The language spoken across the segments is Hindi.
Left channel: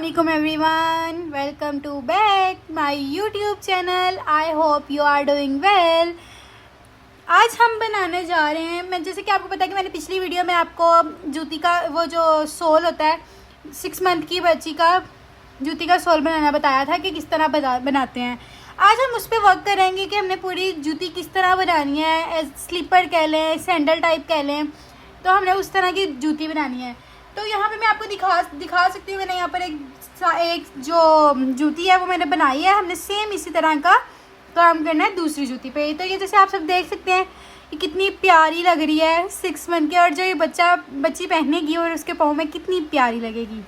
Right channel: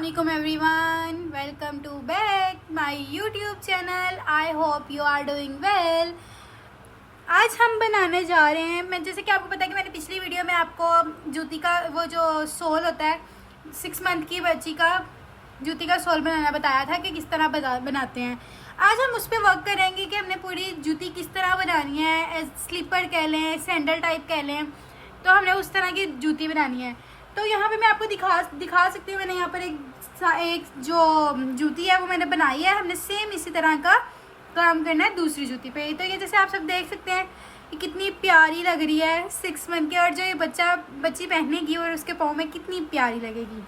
Assalamualaikum everyone, welcome to back my YouTube channel. I hope you are doing well. आज हम बनाने जा रहे हैं, मैं जैसे कि आपको पता है कि मैंने पिछली वीडियो में आपको जूती का वो जो सोल होता है 6 मंथ की बच्ची का जूती का सोल बनाना बताया था कि किस तरह बनाते हैं। आज हम उस पर वर्क करेंगे कि हमने पूरी जूती किस तरह बनानी है, स्लीपर कह लें, सैंडल टाइप कह लें, तो हमने उस तरह की जूती बनानी है। तो यहाँ पे मैं आपको दिखा सकती हूँ। मैंने यहाँ पर एक जो जूती है वो मैंने बनाई है। हमने सेम इसी तरह का काम करना है दूसरी जूती पे। तो ये जैसे आप सब देख सकते हैं ये कितनी प्यारी लग रही है 6 मंथ की, और जो ये बच्ची पहनेगी और उसके पाँव में कितनी प्यारी लगेगी।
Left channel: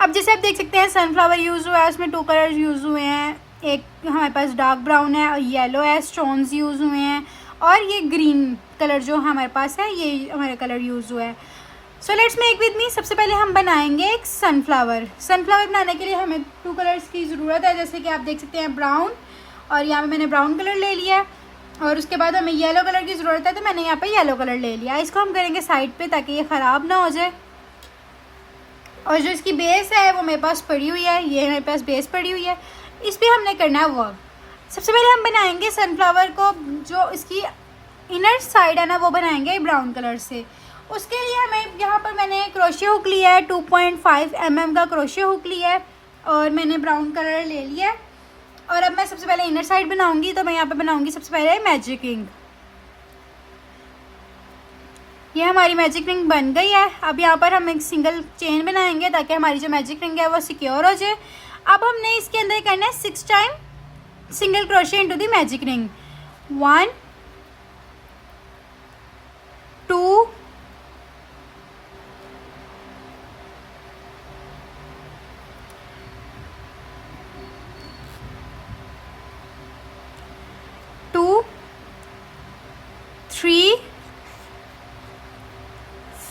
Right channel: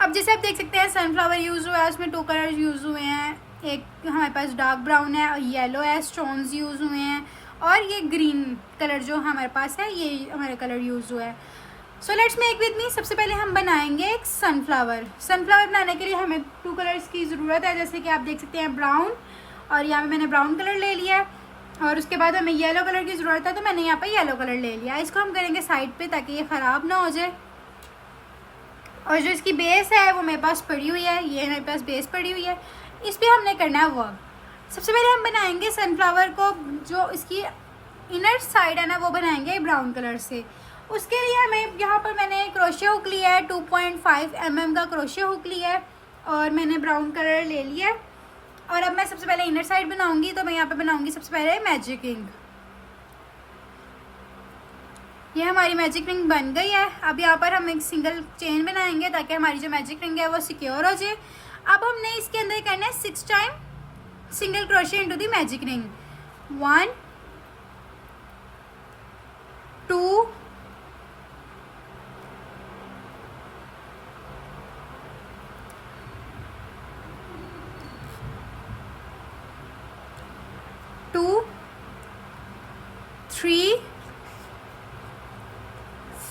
अब जैसे आप देख सकते हैं सनफ्लावर यूज़ हुआ है, उसमें 2 कलर यूज़ हुए हैं। एक हमारे पास डार्क ब्राउन है और येलो है, स्टोन्स यूज़ हुए हैं, और ये ग्रीन कलर जो हमारे पास है ये हमारा कलर यूज़ हुआ है। So let's make with me. सबसे पहले हम बनाएंगे एक सनफ्लावर बनाने के लिए हमें 2 कलर्स की ज़रूरत है। जैसे कि आप देख सकते हैं ब्राउन, और यहाँ पे मैंने ब्राउन कलर ले लिया है, और उसके बाद हमें येलो कलर की ज़रूरत है, तो मैंने यहाँ पे येलो कलर ले लिया। इसको हम करेंगे साइड पे ताकि ये ख़राब ना हो जाए। और जो इसकी बेस है वो मेरे पास पड़ी हुई है, ये मेरे पास बेस पड़ी हुई है, इस पर हमने करना है वर्क। सबसे पहले हम बनाएंगे सनफ्लावर को, जो इसकी इनर साइड है ना वो बनाएंगे ब्राउन कलर से। उसके लिए हमें यहाँ पर मैंने क्रोशिया हुक लिया है, 2.5 mm का क्रोशिया हुक लिया है, और मैंने ब्राउन कलर ले लिया है। और अब मैं सबसे पहले इनर साइड बनाऊंगी, तो मैं यहाँ पे बनाऊंगी सबसे पहले मैजिक रिंग। ये हमारी मैजिक रिंग बन गई है। अब यहाँ पर हम एक सिंगल चेन बनाएंगे ताकि हमारी जो मैजिक रिंग है वो सिक्योर हो जाए। अब हमने इसके अंदर करना है 6 time single crochet into the magic ring. 1 2 2 3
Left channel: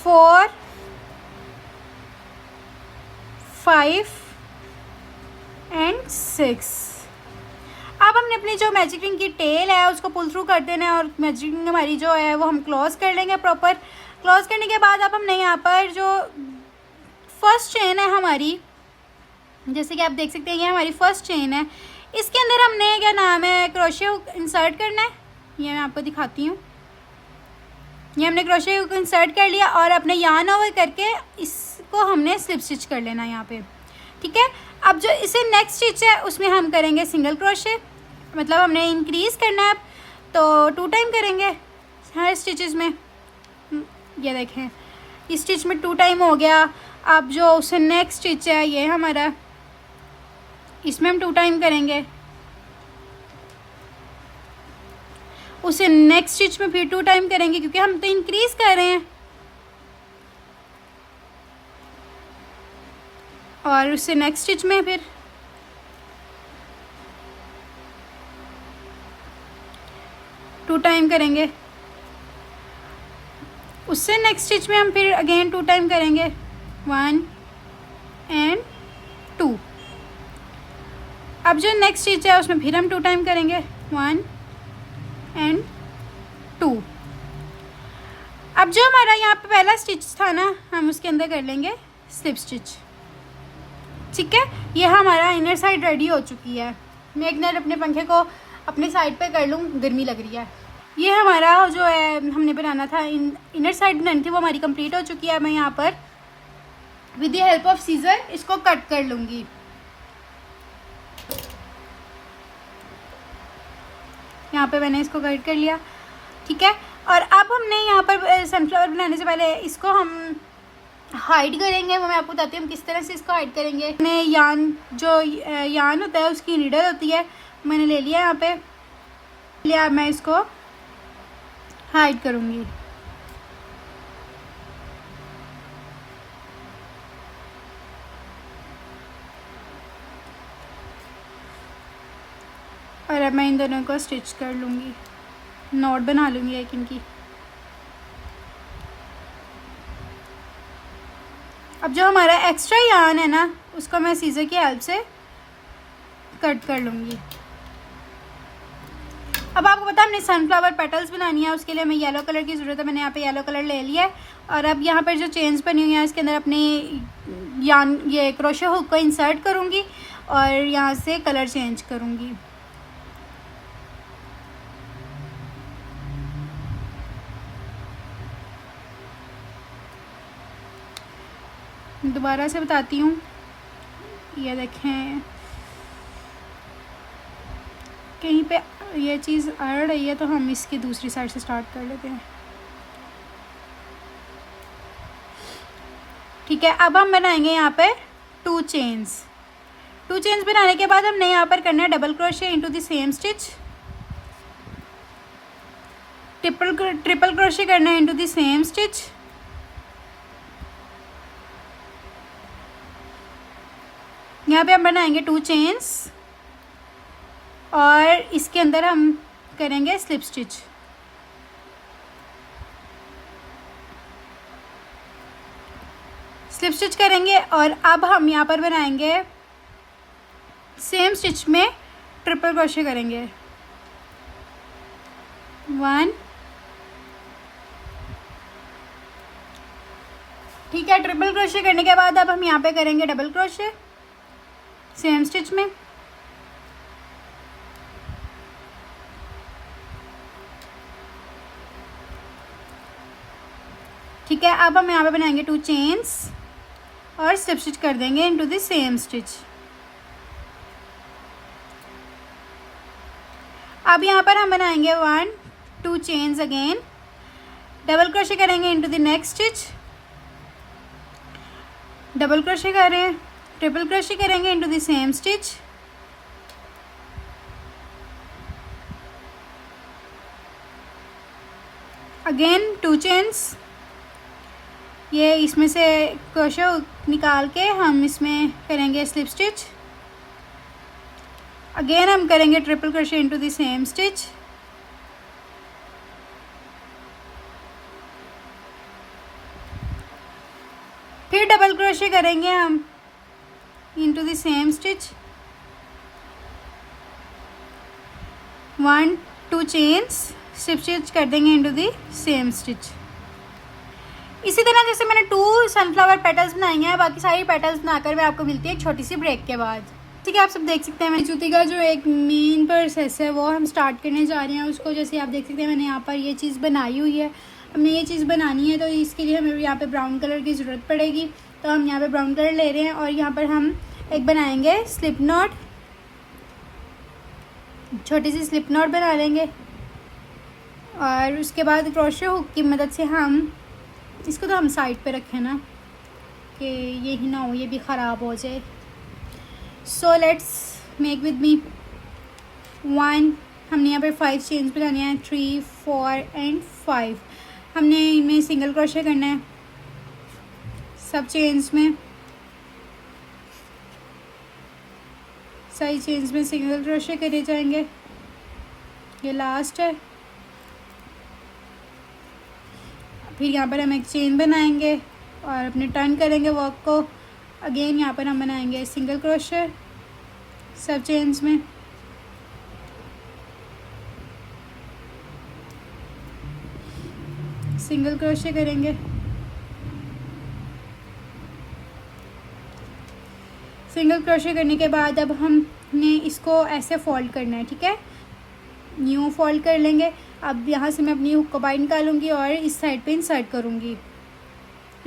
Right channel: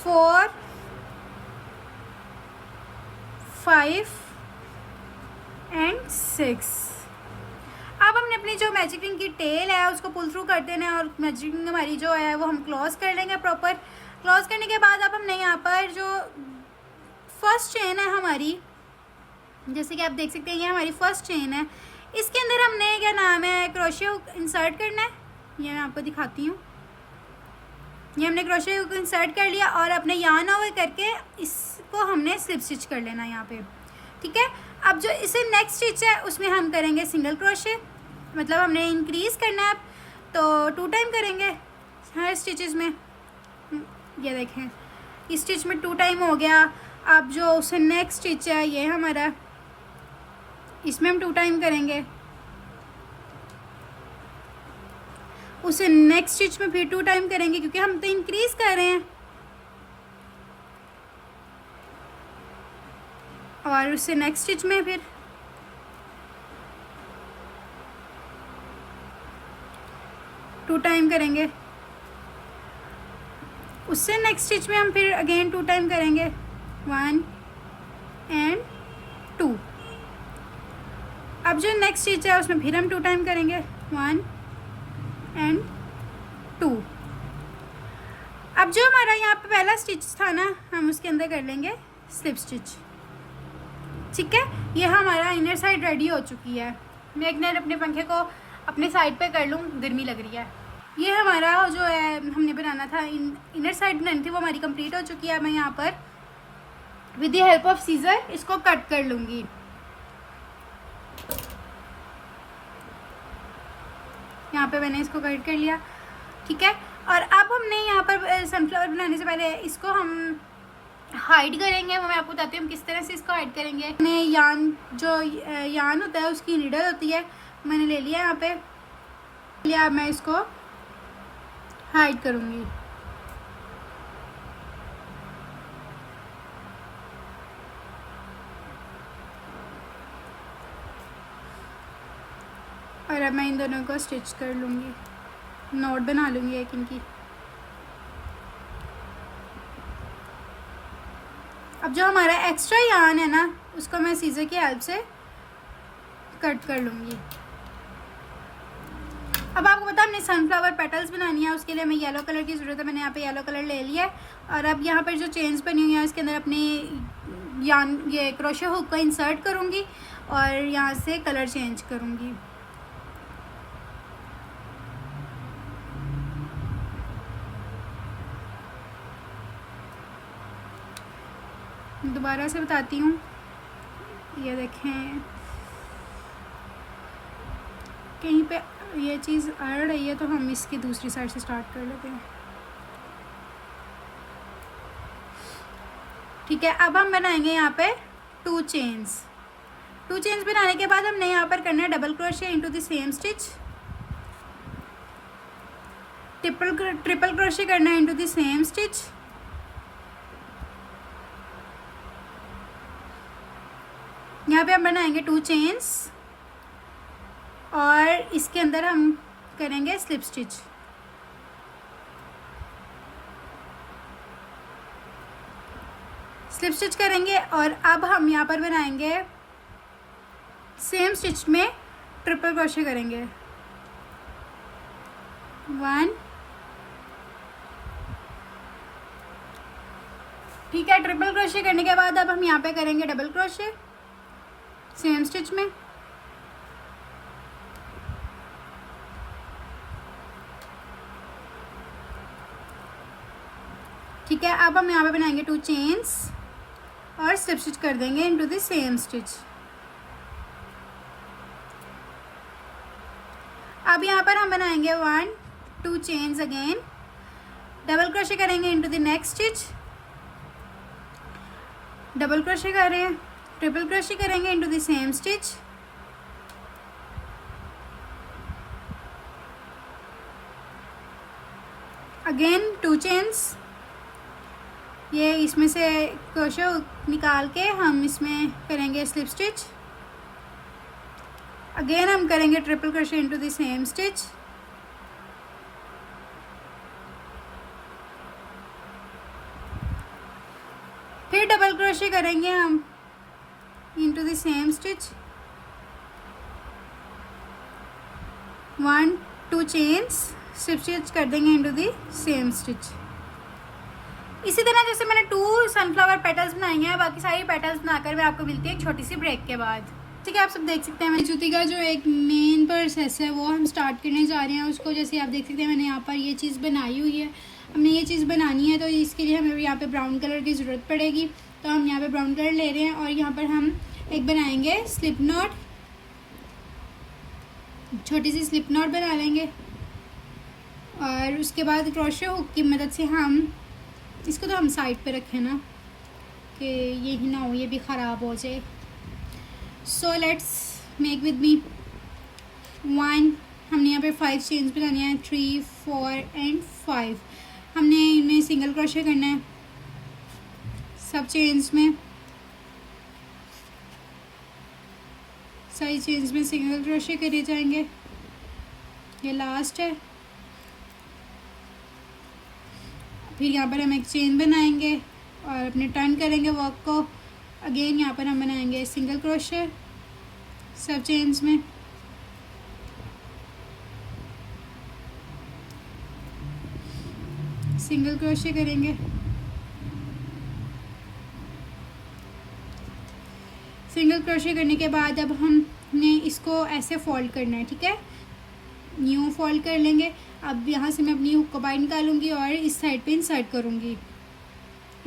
4 5 and 6। अब हमने अपनी जो मैजिक रिंग की टेल है उसको पुल थ्रू कर देना है, और मैजिक रिंग हमारी जो है वो हम क्लोज कर लेंगे प्रॉपर। क्लोज करने के बाद अब हमने यहाँ पर जो फर्स्ट चेन है हमारी, जैसे कि आप देख सकते हैं ये हमारी फर्स्ट चेन है, इसके अंदर हमने क्या नाम है क्रोशिया हुक इंसर्ट करना है। ये मैं आपको दिखाती हूँ। ये हमने क्रोशिया हुक इंसर्ट कर लिया, और अपने यार्न ओवर करके इसको हमने स्लिप स्टिच कर लेना यहाँ पे, ठीक है। अब जो इसे नेक्स्ट स्टिच है उसमें हम करेंगे सिंगल क्रोशिया, मतलब हमने इंक्रीज करना है, तो 2 टाइम करेंगे हर स्टिचेस में। ये देखें इस स्टिच में 2 टाइम हो गया। अब जो उसे नेक्स्ट स्टिच है ये हमारा, इसमें हम 2 टाइम करेंगे। उसे नेक्स्ट स्टिच में फिर 2 टाइम करेंगे, क्योंकि हम तो इंक्रीज कर रहे हैं। और उससे नेक्स्ट स्टिच में फिर 2 टाइम करेंगे। उससे नेक्स्ट स्टिच में हम फिर अगेन 2 टाइम करेंगे, 1 एंड 2। अब जो नेक्स्ट स्टिच है उसमें फिर हम 2 टाइम करेंगे, 1 एंड 2। अब जो हमारा यहाँ पे पहला स्टिच था ना, हम उसके अंदर कर लेंगे स्लिप स्टिच, ठीक है। ये हमारा इनर साइड रेडी हो चुकी है। मैं एक मिनट अपने पंखे को अपने साइड पे कर लूँ, गर्मी लग रही है। ये हमारा जो है हमने बनाना था, इनर साइड बनानी थी, वो हमारी कंप्लीट हो चुकी है। मैं यहाँ पर with the help of scissor इसको कट कर लूँगी। यहाँ पे मैंने इसको कट कर लिया, ठीक है। और अब हमने यहाँ पर सनफ्लावर बनाने से पहले इसको हम हाइड करेंगे। वो मैं आपको बताती हूँ हम किस तरह से इसको हाइड करेंगे। मैंने यार्न होता है उसकी नीडल होती है, मैंने ले लिया यहाँ पे लिया। मैं इसको हाइड करूँगी। और अब मैं इन दोनों को स्टिच कर लूँगी, नॉट बना लूँगी एक इनकी। अब जो हमारा एक्स्ट्रा यार्न है ना उसको मैं सीजर की हेल्प से कट कर लूँगी। अब आपको पता है हमने सनफ्लावर पेटल्स बनानी है, उसके लिए हमें येलो कलर की ज़रूरत है। मैंने यहाँ पे येलो कलर ले लिया है और अब यहाँ पर जो चेन्स बनी हुई है इसके अंदर अपने ये क्रोशे हुक को इंसर्ट करूँगी और यहाँ से कलर चेंज करूँगी। दोबारा से बताती हूँ, ये देखें कहीं पे ये चीज़ अड़ रही है तो हम इसकी दूसरी साइड से स्टार्ट कर लेते हैं। ठीक है, अब हम बनाएंगे यहाँ पे 2 चेन्स। 2 चेन्स बनाने के बाद हमने यहाँ पर करना है double crochet into the same stitch, triple crochet करना है इनटू द सेम स्टिच, यहाँ पे हम बनाएंगे 2 चेन्स और इसके अंदर हम करेंगे स्लिप स्टिच। स्लिप स्टिच करेंगे और अब हम यहाँ पर बनाएंगे सेम स्टिच में ट्रिपल क्रोशे करेंगे। 1, ठीक है। ट्रिपल क्रोशे करने के बाद अब हम यहाँ पे करेंगे डबल क्रोशे सेम स्टिच में। ठीक है, अब हम यहाँ पे बनाएंगे 2 चेन्स और स्लिप स्टिच कर देंगे इनटू द सेम स्टिच। अब यहाँ पर हम बनाएंगे 1, 2 चेन्स अगेन, डबल क्रोशे करेंगे into the next stitch, double crochet कर रहे हैं, ट्रिपल क्रोशे करेंगे into the same stitch, again 2 chains, ये इसमें से क्रोशे निकाल के हम इसमें करेंगे स्लिप स्टिच, अगेन हम करेंगे triple crochet into the same stitch, फिर डबल क्रोशे करेंगे हम into the same stitch, 1, 2 chains, slip stitch कर देंगे इनटू द सेम स्टिच। इसी तरह जैसे मैंने 2 सनफ्लावर पेटल्स बनाई हैं, बाकी सारी पेटल्स बनाकर मैं आपको मिलती है एक छोटी सी ब्रेक के बाद। ठीक है, आप सब देख सकते हैं मेरी जूती का जो एक मेन प्रोसेस है वो हम स्टार्ट करने जा रहे हैं उसको। जैसे आप देख सकते हैं मैंने यहाँ पर ये चीज़ बनाई हुई है, हमने ये चीज़ बनानी है तो इसके लिए हमें यहाँ पे ब्राउन कलर की ज़रूरत पड़ेगी। तो हम यहाँ पे ब्राउन कलर ले रहे हैं और यहाँ पर हम एक बनाएंगे स्लिप नॉट, छोटी सी स्लिप नॉट बना लेंगे और उसके बाद क्रोशे हुक की मदद से हम इसको तो हम साइड पे रखें ना कि ये ही ना हो ये भी ख़राब हो जाए। So let's make with me 1, हमने यहाँ पर 5 चेन्स बनाने हैं, 3, 4 एंड 5। हमने इनमें सिंगल क्रोशे करना है सब चेन्स में, सारी चेन्स में सिंगल क्रोशे करे जाएंगे। ये लास्ट है, फिर यहाँ पर हम एक चेन बनाएंगे और अपने टर्न करेंगे वर्क को। अगेन यहाँ पर हम बनाएंगे सिंगल क्रोशे सब चेन्स में, सिंगल क्रोशे करेंगे, सिंगल क्रोशे करने के बाद अब हमने इसको ऐसे फोल्ड करना है। ठीक है, न्यू फोल्ड कर लेंगे। अब यहाँ से मैं अपनी हुक को बाहर निकालूंगी और इस साइड पे इंसर्ट करूँगी।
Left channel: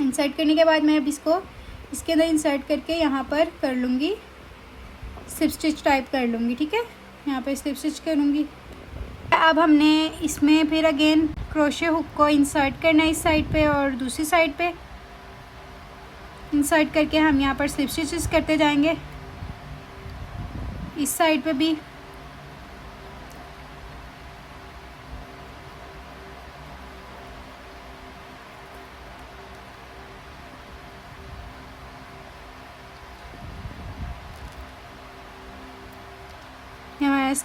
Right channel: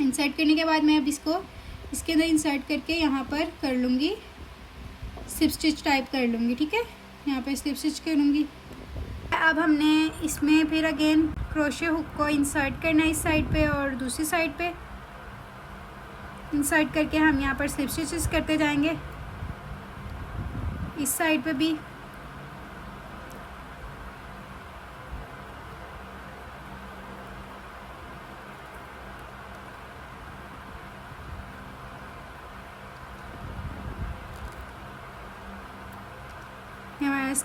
इंसर्ट करने के बाद मैं अब इसको इसके अंदर इंसर्ट करके यहाँ पर कर लूँगी, स्लिप स्टिच टाइप कर लूँगी। ठीक है, यहाँ पर स्लिप स्टिच करूँगी। अब हमने इसमें फिर अगेन क्रोशे हुक को इंसर्ट करना है इस साइड पे और दूसरी साइड पे इंसर्ट करके हम यहाँ पर स्लिप स्टिचेस करते जाएंगे इस साइड पे भी।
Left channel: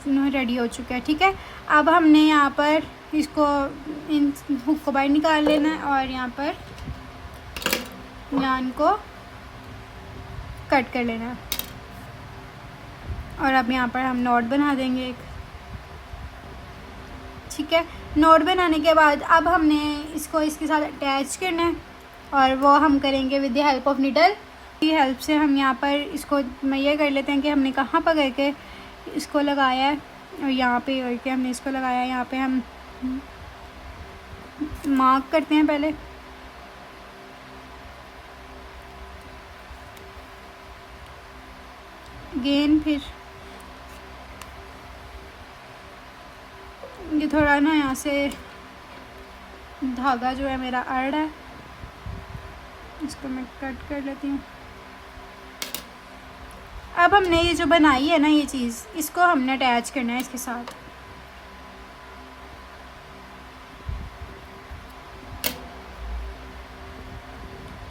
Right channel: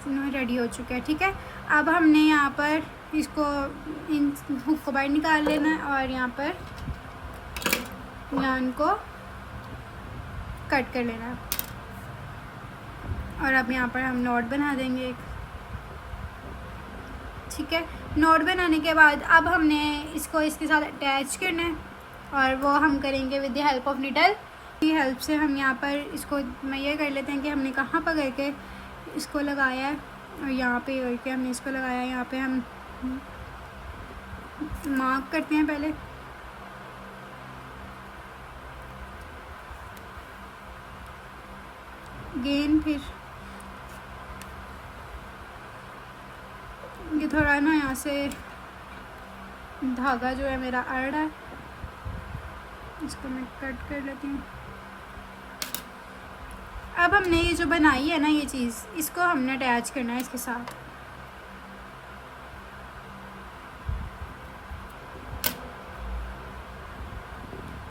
हमारा रेडी हो चुका है। ठीक है, अब हमने यहाँ पर इसको इन हुक को बाहर निकाल लेना है और यहाँ पर यान को कट कर लेना है और अब यहाँ पर हम नॉट बना देंगे एक। ठीक है। नोट बनाने के बाद अब हमने इसको इसके साथ अटैच करना है और वो हम करेंगे with the help of needle की हेल्प से। हम यहाँ पर इसको मैया कर लेते हैं कि हमने कहाँ पर करके इसको लगाया है और यहाँ पे करके हमने इसको लगाया है। यहाँ पे हम मार्क करते हैं पहले, गेन, फिर ये थोड़ा ना यहाँ से धागा जो है मेरा अड़ है, इसको मैं कट कर लेती हूँ। अब हमने ये जो बनाई है ना ये चीज़, इसको हमने अटैच करना है इसके साथ।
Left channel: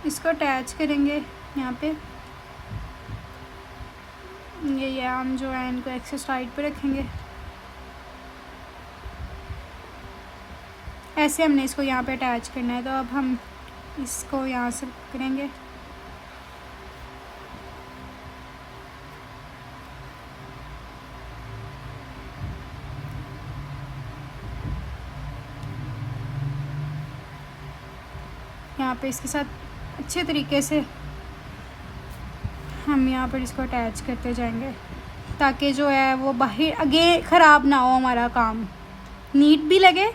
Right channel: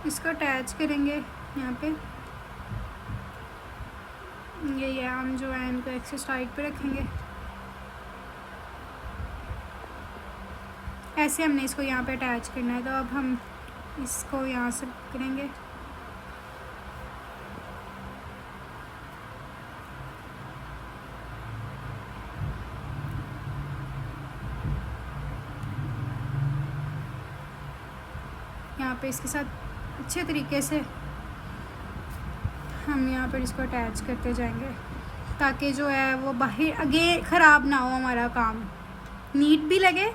इसको अटैच करेंगे यहाँ पे, ये आर्म जो है इनको एक साइड पे रखेंगे। ऐसे हमने इसको यहाँ पे अटैच करना है। तो अब हम इसको यहाँ से करेंगे, यहाँ पे इसके साथ अच्छे तरीके से हम यहाँ पर इसको अटैच करते जाएंगे ताकि जो है वो बाहर आगे ख़राब ना हो, हमारा काम नीट भी लगे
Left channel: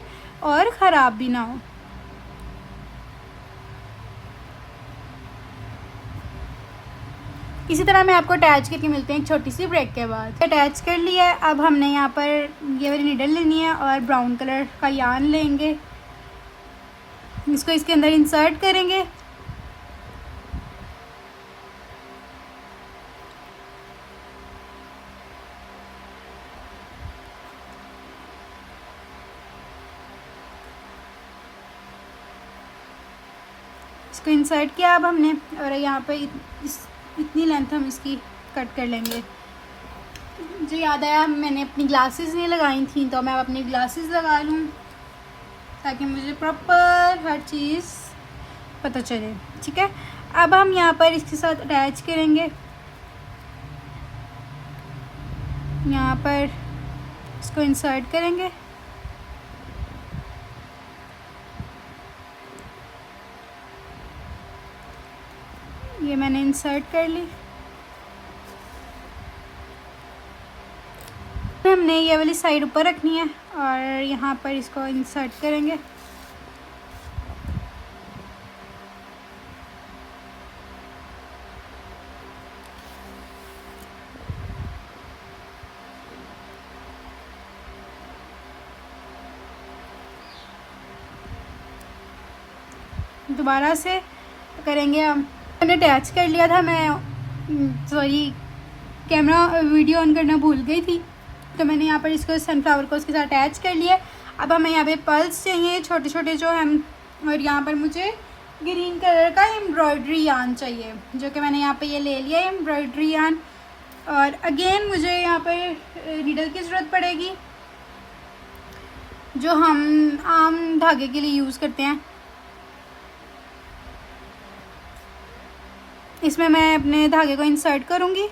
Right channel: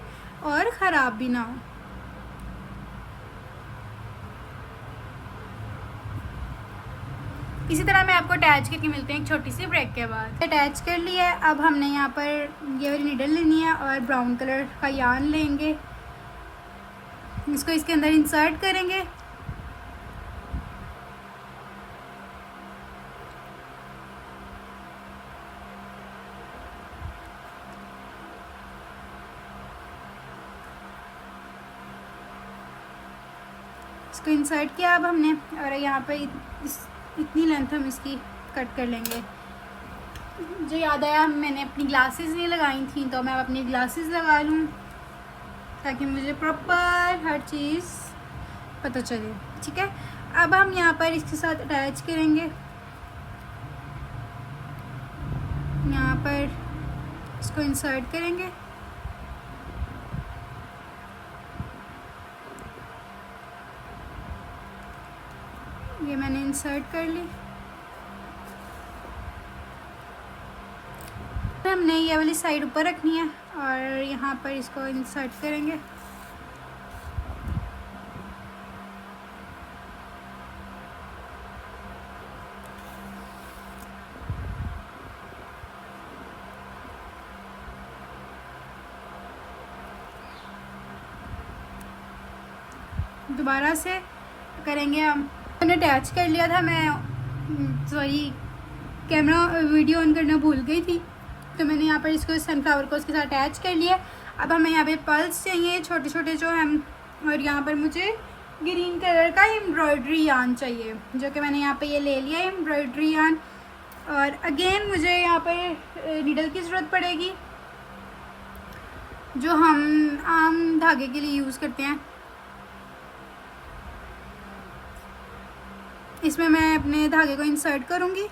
और ख़राब भी ना हो। इसी तरह मैं आपको अटैच करके मिलते हैं एक छोटी सी ब्रेक के बाद। अटैच कर लिया है। अब हमने यहाँ पर ये वाली नीडल लेनी है और ब्राउन कलर का यार्न लेंगे, इसको इसके अंदर इंसर्ट करेंगे। इसको इंसर्ट किया अब हमने, और यहाँ पर इतनी लेंथ हम इसकी कट कर लेंगे। मुझे याद आया मैंने अपनी ग्लासेस नहीं लगाई थी, तो मैं अपनी ग्लासेस लगा लूँ ताकि मुझे प्रॉपर हर चीज़ पता चले। ठीक है, अब हम यहाँ पर इसके साथ अटैच करेंगे। यहाँ पर इसको इंसर्ट करेंगे, ये मैंने इंसर्ट कर ली। हमने ये वाली साइड ऊपर रखनी है और यहाँ पर इसको इंसर्ट करेंगे। दोबारा से करेंगे हम। मैंने अटैच कर लिया था, मैं सॉरी कैमरा वीडियो ऑन करना भूल गई थी, तो मैंने यहाँ पर इसको सनफ्लावर को उसके साथ अटैच कर लिया। अब हमें यहाँ पे पल्स चाहिए छोटे छोटे जो हम, और यहाँ पर मुझे ग्रीन कलर का एम्ब्रॉयडरी यार्न चाहिए, जो कि मैंने यहाँ पे ये ले लिया है एम्ब्रॉयडरी यार्न। और अगेन मुझे यहाँ पर नीडल की ज़रूरत पड़ेगी जो हम आम धागे के लिए यूज़ करते हैं। इसमें मैं अपने धागे को इंसर्ट करूँगी।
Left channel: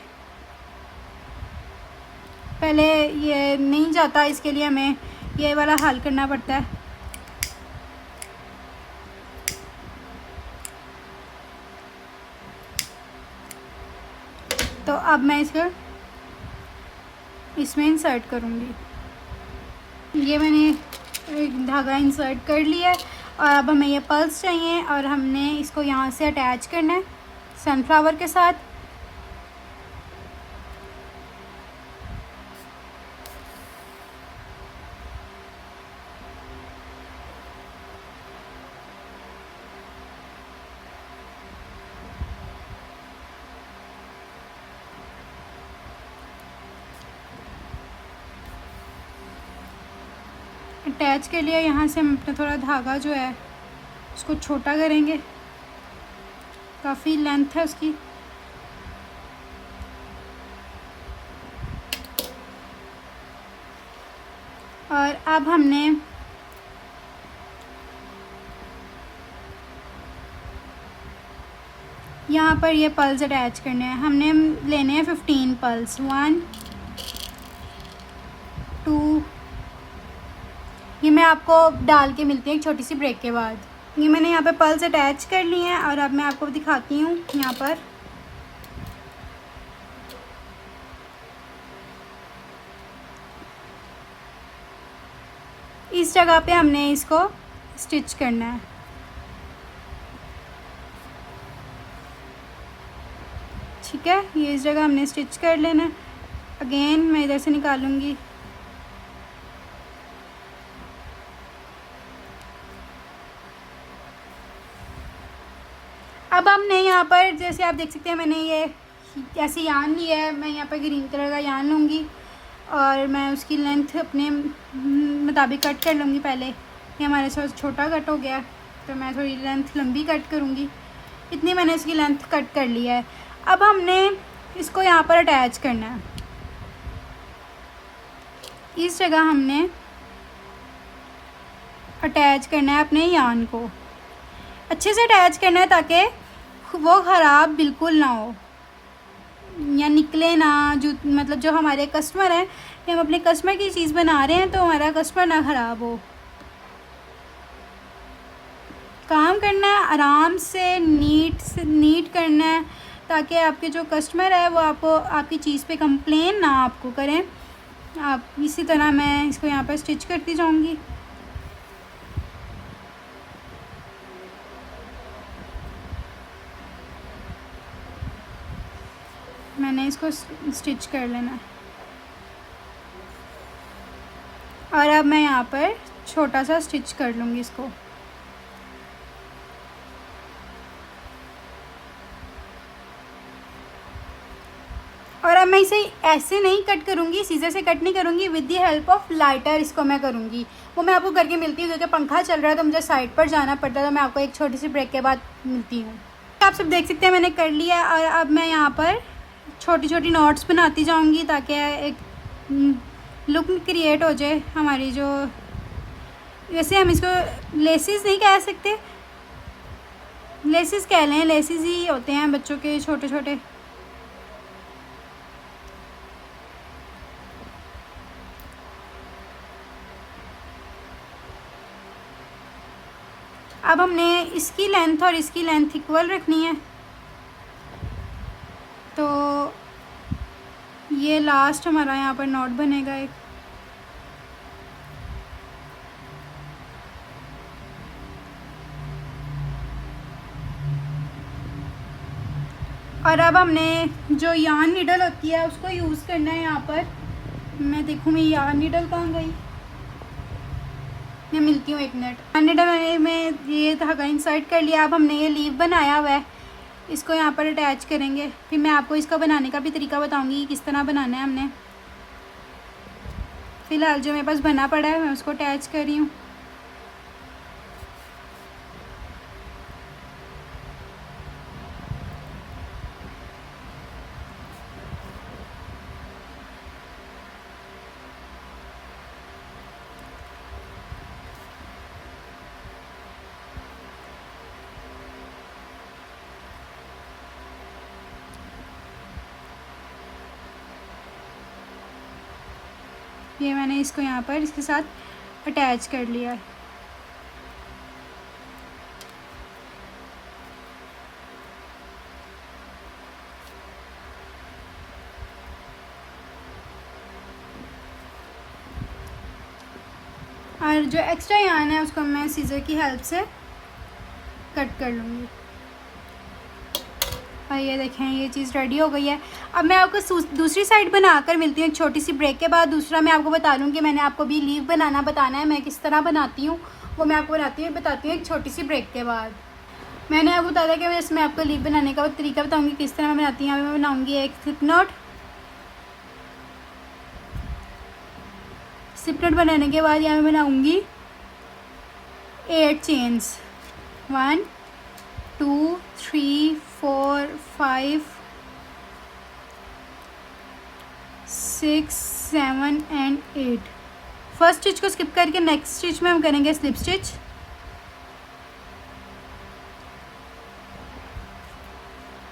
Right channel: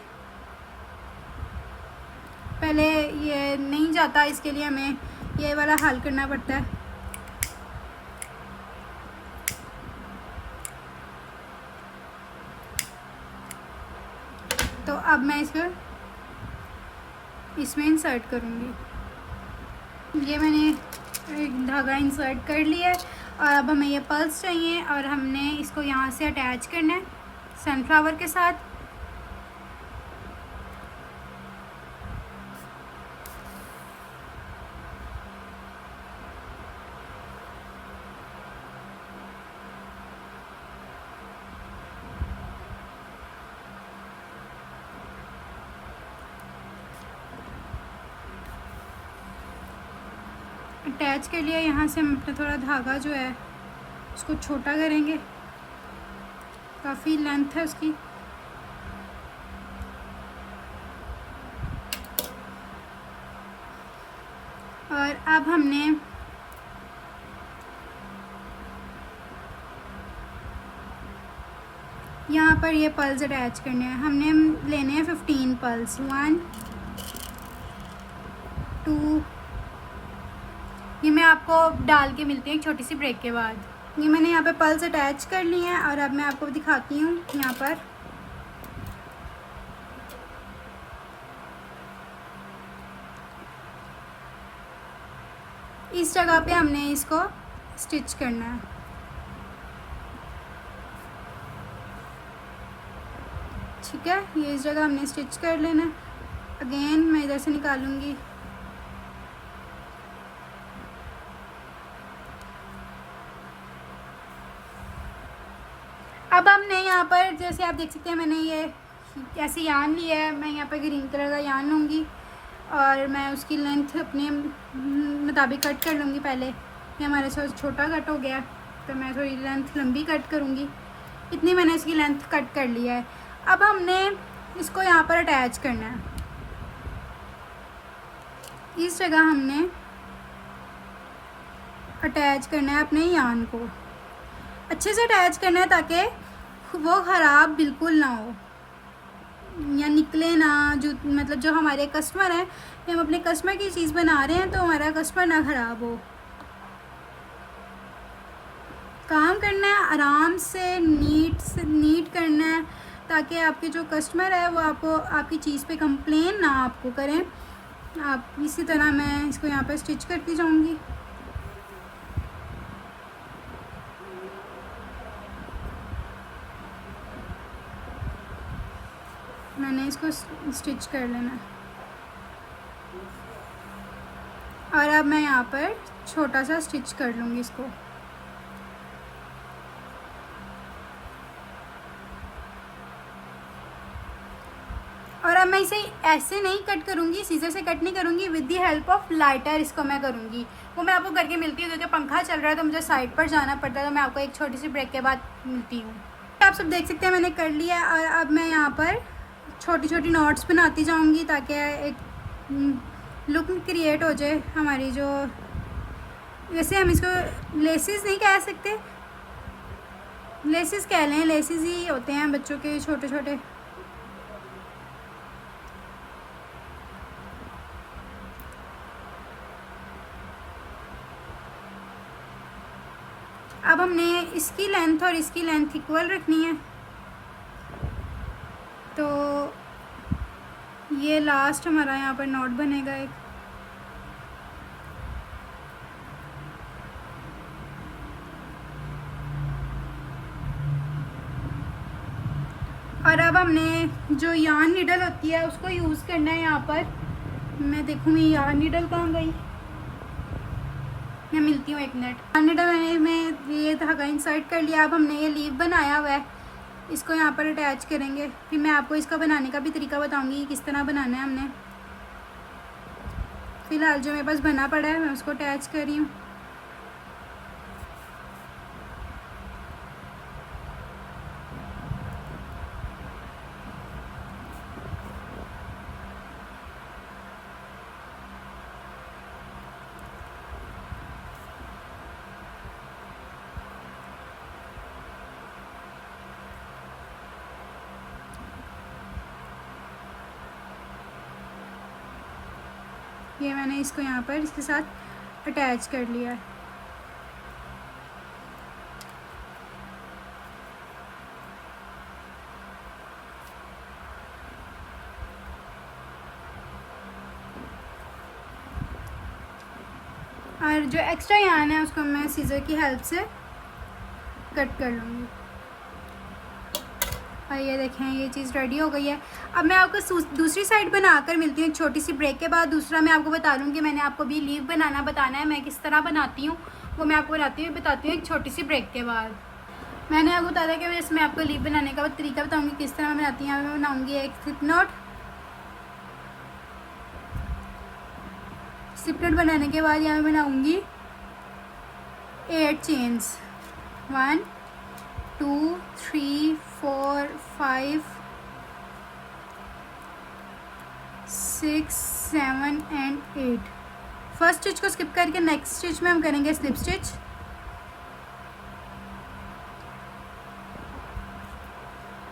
पहले ये नहीं जाता, इसके लिए हमें ये वाला हल करना पड़ता है। तो अब मैं इसको इसमें इंसर्ट करूँगी। ये मैंने एक धागा इंसर्ट कर लिया है और अब हमें ये पल्स चाहिए और हमने इसको यहाँ से अटैच करना है सनफ्लावर के साथ। अटैच के लिए यहाँ से हम अपना थोड़ा धागा जो है उसको छोटा करेंगे, काफ़ी लेंथ है उसकी। और अब हमने यहाँ पर ये पल्स अटैच करने हैं। हमने लेने हैं 15 पल्स, 1 2, ये मैं आपको डाल के मिलती हूँ एक छोटी सी ब्रेक के बाद। ये मैंने यहाँ पे पल्स अटैच कर लिए हैं और अब मैं आपको दिखाती हूँ यहाँ पर। इस जगह पे हमने इसको स्टिच करना है। ठीक है, ये इस जगह हमने स्टिच कर लेना है। अगेन मैं इधर से निकालूंगी। अब हमने यहाँ पर जैसे आप देख सकते हैं मैंने ये ऐसे यान लिया है। मैं यहाँ पर ग्रीन कलर का यान लूँगी और मैं उसकी लेंथ अपने मुताबिक कट कर लूँगी। पहले ये हमारे से छोटा कट हो गया तो मैं थोड़ी लेंथ लंबी कट करूँगी। इतनी मैंने इसकी लेंथ कट कर लिया है। अब हमने इसको यहाँ पर अटैच करना है। इस जगह हमने अटैच करना है अपने यान को। अच्छे से अटैच करना है ताकि वो ख़राब बिल्कुल ना हो या निकले ना। मतलब जो हमारे कस्टमर हैं, कि हम अपने कस्टमर की चीज़ बना रहे हैं तो हमारा कस्टमर ना ख़राब हो। काम करना है आराम से नीट करना है ताकि आपके जो कस्टमर है वो आपको आपकी चीज़ पे कंप्लेन ना आपको करें। आप इसी तरह मैं इसको यहाँ पर स्टिच करती जाऊँगी। मैंने इसको स्टिच कर लेना है और अब मैं यहाँ पर छोटा सा स्टिच कर लूँगी इसको। और अब मैं इसे ऐसे नहीं कट करूँगी, सीजर से कट नहीं करूँगी, with the help of lighter इसको मैं करूँगी। वो मैं आपको करके मिलती हूँ। क्योंकि पंखा चल रहा है तो मुझे साइड पर जाना पड़ता है, तो मैं आपको एक छोटी सी ब्रेक के बाद मिलती हूँ। आप सब देख सकते हैं मैंने कर लिया और अब मैं यहाँ पर छोटी छोटी नॉट्स बनाती जाऊँगी ताकि एक लुक क्रिएट हो जाए हमारी। जो वैसे हम इसको लेसेस नहीं कह सकते, लेसेस कह लें, लेसेस ही होते हैं बच्चों के छोटे छोटे। अब हमने इसकी लेंथ और इसकी लेंथ इक्वल रखनी है। तो ये लास्ट हमारा यहाँ पर नॉट बनेगा एक। और अब हमने जो यार्न नीडल होती है उसको यूज़ करना है यहाँ पर। मैं देखूँगी यार्न नीडल कहाँ गई। मैं मिलती हूँ एक मिनट। यार्न नीडल में ये धागा इंसर्ट कर लिया। अब हमने ये लीव बनाया हुआ है, इसको यहाँ पर अटैच करेंगे। फिर मैं आपको इसका बनाने का भी तरीका बताऊंगी किस तरह बनाना है हमने। फ़िलहाल जो मेरे पास बना पड़ा है मैं उसको अटैच कर रही हूँ। ये मैंने इसको यहाँ पर इसके साथ अटैच कर लिया है। और जो एक्स्ट्रा यार्न है उसको मैं सीजर की हेल्प से कट कर लूँगी। और ये देखें ये चीज़ रेडी हो गई है। अब मैं आपको दूसरी साइड बनाकर मिलती हूँ एक छोटी सी ब्रेक के बाद। दूसरा मैं आपको बता दूँ कि मैंने आपको भी लीव बनाना बताना है, मैं किस तरह बनाती हूँ वो मैं आपको बताती हूँ एक छोटी सी ब्रेक के बाद। मैंने आपको बताया कि मैं इसमें आपको लीव बनाने का तरीका बताऊँगी किस तरह मैं बनाती हूँ। मैं बनाऊँगी एक स्लिप नॉट। स्लिप नॉट बनाने के बाद यहाँ मैं बनाऊँगी 8 चेन्स। 1 2 3 4 5 6 7 एंड 8। फर्स्ट स्टिच को स्किप करके नेक्स्ट स्टिच में हम करेंगे स्लिप स्टिच।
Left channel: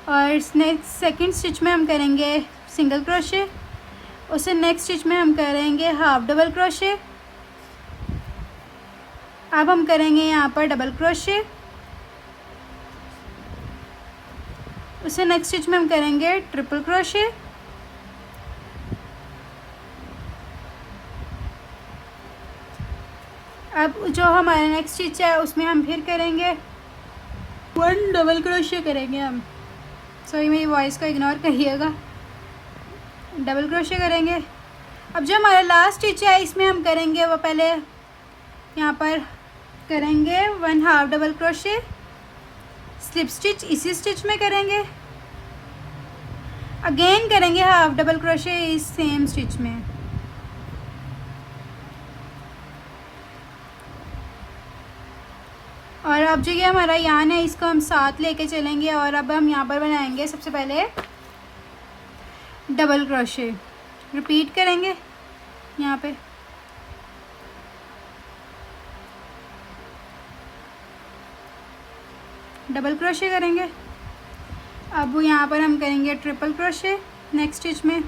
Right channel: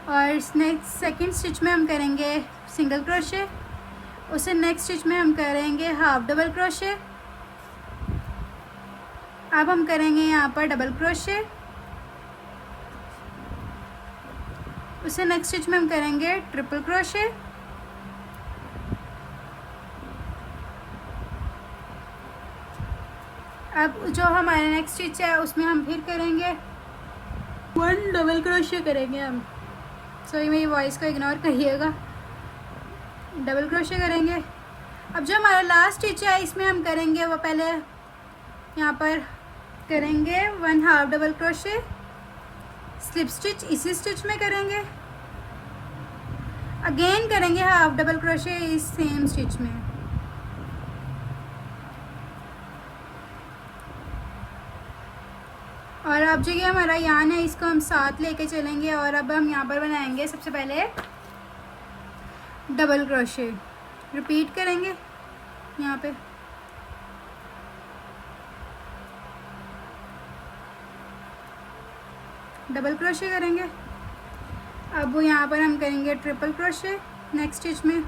और सेकंड स्टिच में हम करेंगे सिंगल क्रोशे। उससे नेक्स्ट स्टिच में हम करेंगे हाफ डबल क्रोशे। अब हम करेंगे यहाँ पर डबल क्रोशे। उससे नेक्स्ट स्टिच में हम करेंगे ट्रिपल क्रोशे। अब जो हमारा नेक्स्ट स्टिच है उसमें हम फिर करेंगे 1 डबल क्रोशे करेंगे हम। सॉरी मेरी वॉइस को इग्नोर करिएगा। डबल क्रोशे करेंगे। अब जो हमारा लास्ट स्टिच है इसमें हम करेंगे वो पहले यहाँ पर करेंगे 1 half double crochet, slip stitch इसी स्टिच में करेंगे, अगेन करेंगे हाफ डबल क्रोशे इस सेम स्टिच में। और अब जो ये हमारा यान है इसको हम साथ लेके चलेंगे और अब हम यहाँ पर बनाएंगे सबसे पहले डबल क्रोशे। रिपीट करेंगे यहाँ पे डबल क्रोशे करेंगे। अब वो यहाँ पर हम करेंगे ट्रिपल क्रोशे नेक्स्ट स्टिच में।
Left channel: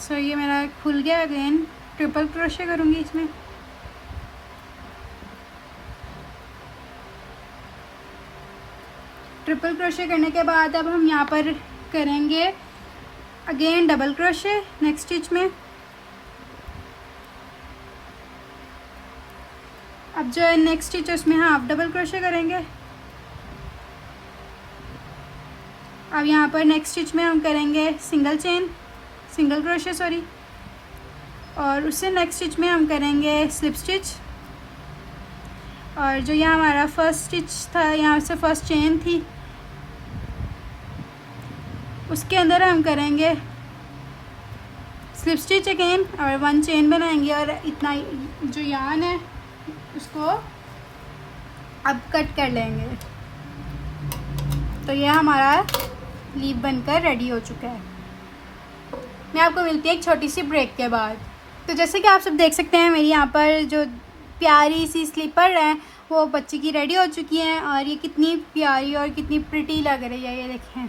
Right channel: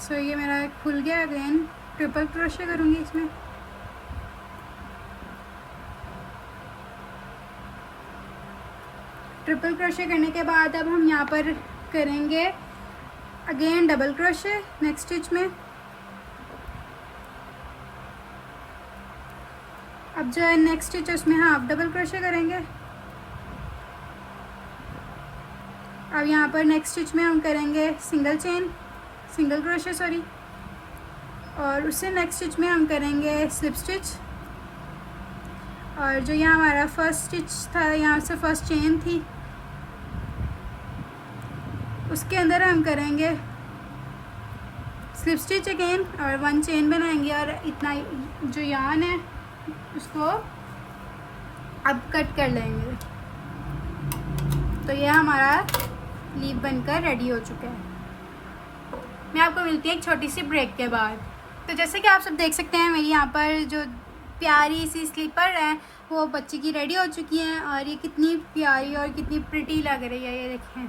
सो ये मेरा खुल गया। अगेन ट्रिपल क्रोशे करूँगी इसमें। ट्रिपल क्रोशे करने के बाद अब हम यहाँ पर करेंगे again double crochet next stitch में। अब जो है नेक्स्ट स्टिच है उसमें हाफ डबल क्रोशे करेंगे। अब यहाँ पर नेक्स्ट स्टिच में हम करेंगे सिंगल क्रोशे सॉरी, और उससे नेक्स्ट स्टिच में हम करेंगे स्लिप स्टिच। और जो यहाँ हमारा फर्स्ट स्टिच था, यहाँ से फर्स्ट चेन थी, उसके अंदर हम करेंगे स्लिप स्टिच अगेन और 1 चेन बनाएंगे और इतना जो यान है उसको अब कट कर लेंगे। तो ये हमारा लीफ बनकर रेडी हो चुका है। मैं आपको मिलती है एक छोटी सी ब्रेक के बाद। तो जैसे कि आप सब देख सकते हैं मेरी यहाँ पर जो प्यारी सी स्लीपर है वो बच्ची की रेडी हो चुकी हैं और ये कितनी प्यारी और कितनी प्रिटी लग रही है, ये देखें।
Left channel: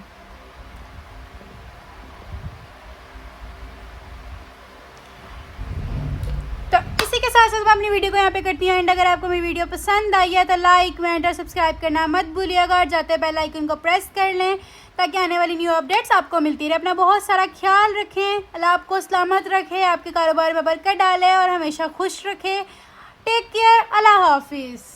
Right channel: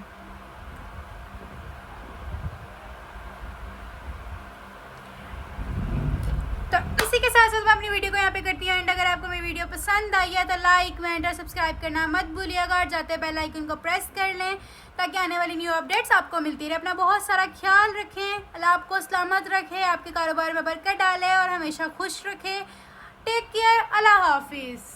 तो इसी के साथ साथ मैं अपनी वीडियो को यहाँ पे करती हूँ एंड अगर आपको मेरी वीडियो पसंद आई है तो लाइक कमेंट और सब्सक्राइब करना मत भूलिएगा और जाते बेल आइकन को प्रेस कर लें ताकि आने वाली न्यू अपडेट्स आपको मिलती रहे। अपना बहुत सारा ख्याल रखें, अल्लाह आपको सलामत रखे, आपके कारोबार में बरकत डाले और हमेशा खुश रखे। टेक केयर, अल्लाह हाफिज़।